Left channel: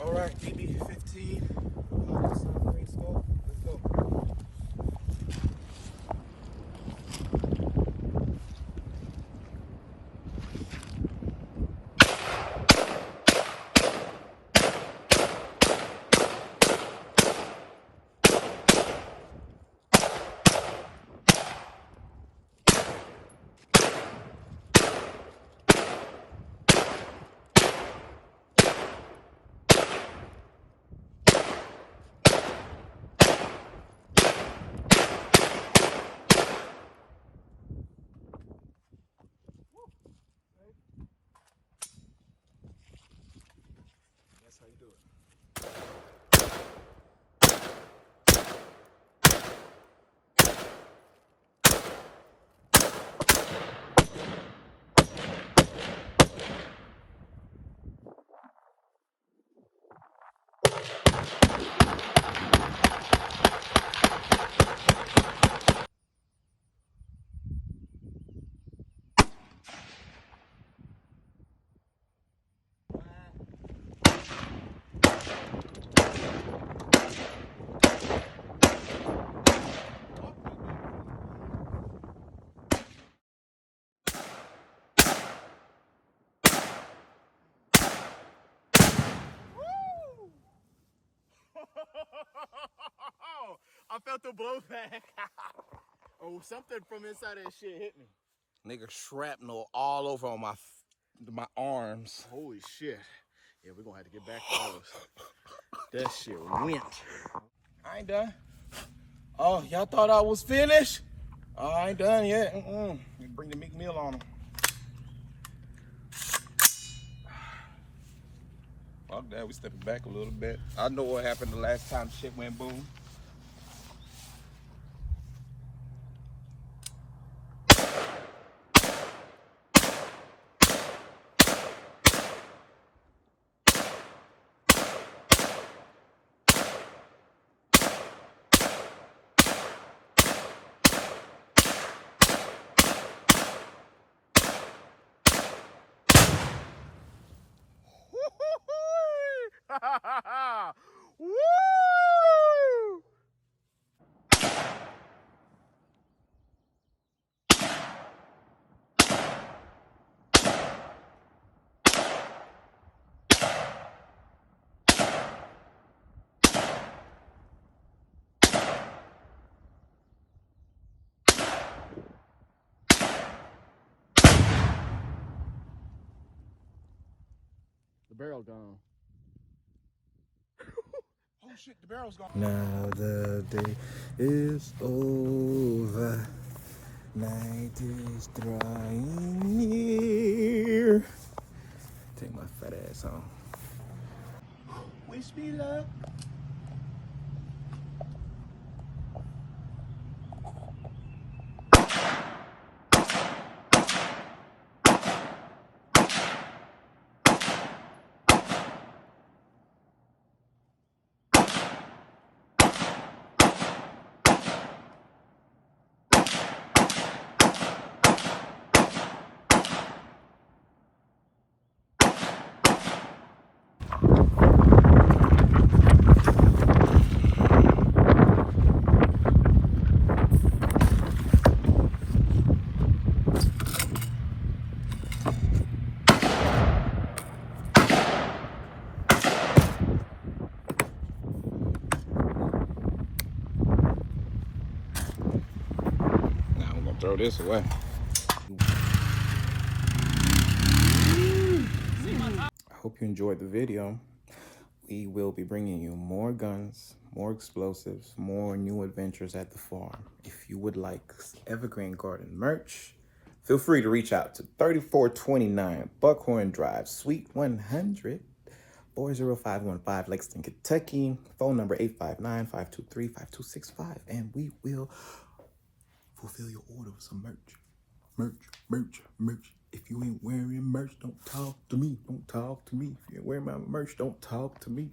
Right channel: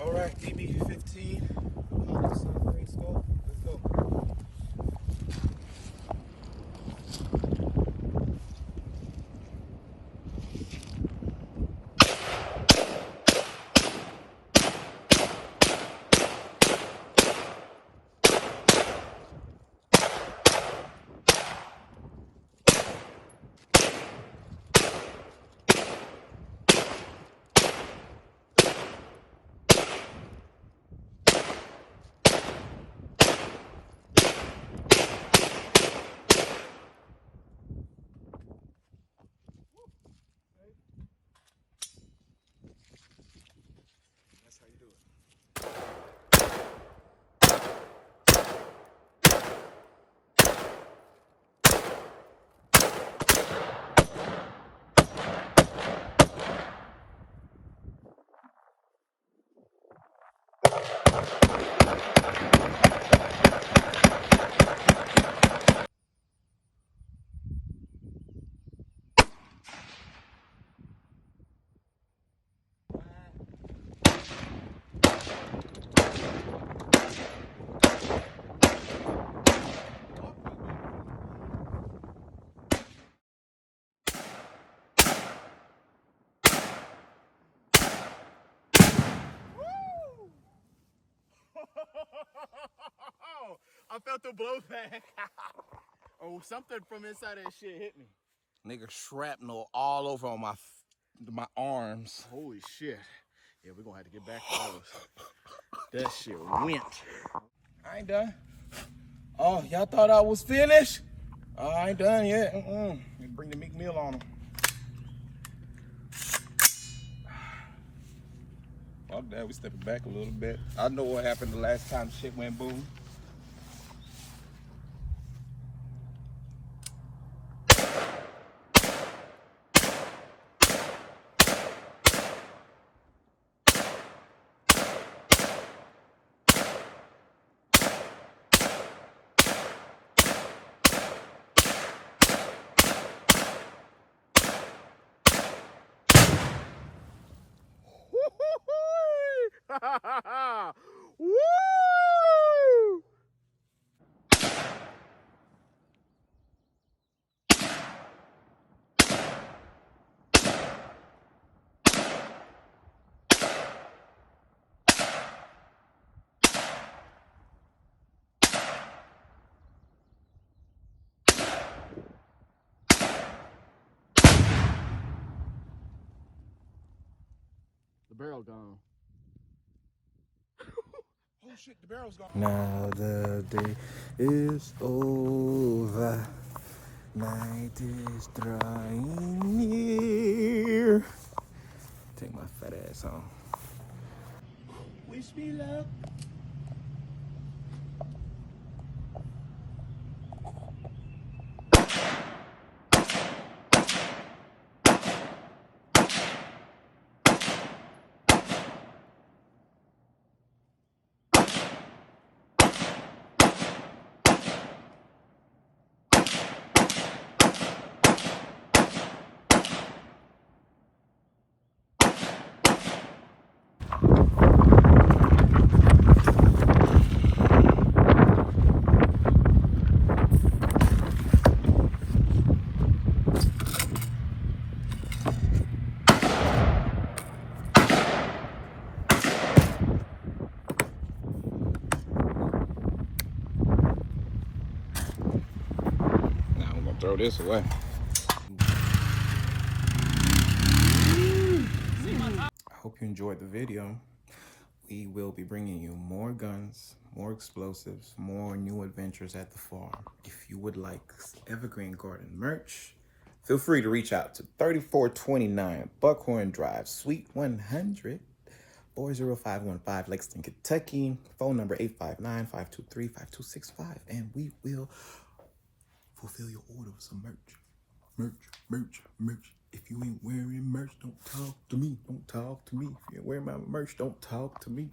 All right, DB15. Let's go. That's how you do it. I felt the blowback. Oh, something from inside that shit hit me. Nigga, shrapnel all over on my arms. Holy shit. Yeah, we're gonna have to get back to those. That shit went. I ain't done. Oh, y'all thought I was finished? Oh, I ain't done yet. Bring the meat meal on them. Fuck that, we stepping back a little bit. I know what happened the last time shit went boom. Woo! The barrel gone. Oh shit, the barrel's gone. Now the day is over, night is drawing near. Take my fat ass on. Wish me luck. Now we're gonna throw this away. Hope you enjoyed the video. We will be bringing you more guns, more explosives, more new adventures at the farm. If you would like Evergreen Garden merch, feel free to reach out to 3429 Buckhorn Drive, Suite 100, 40515, Lexington, Kentucky. Phone number 859-523-5265, and we will fulfill your order with some merch. Merch. If you ain't wearing merch, don't talk to me. If you ain't wearing my merch, don't talk to me.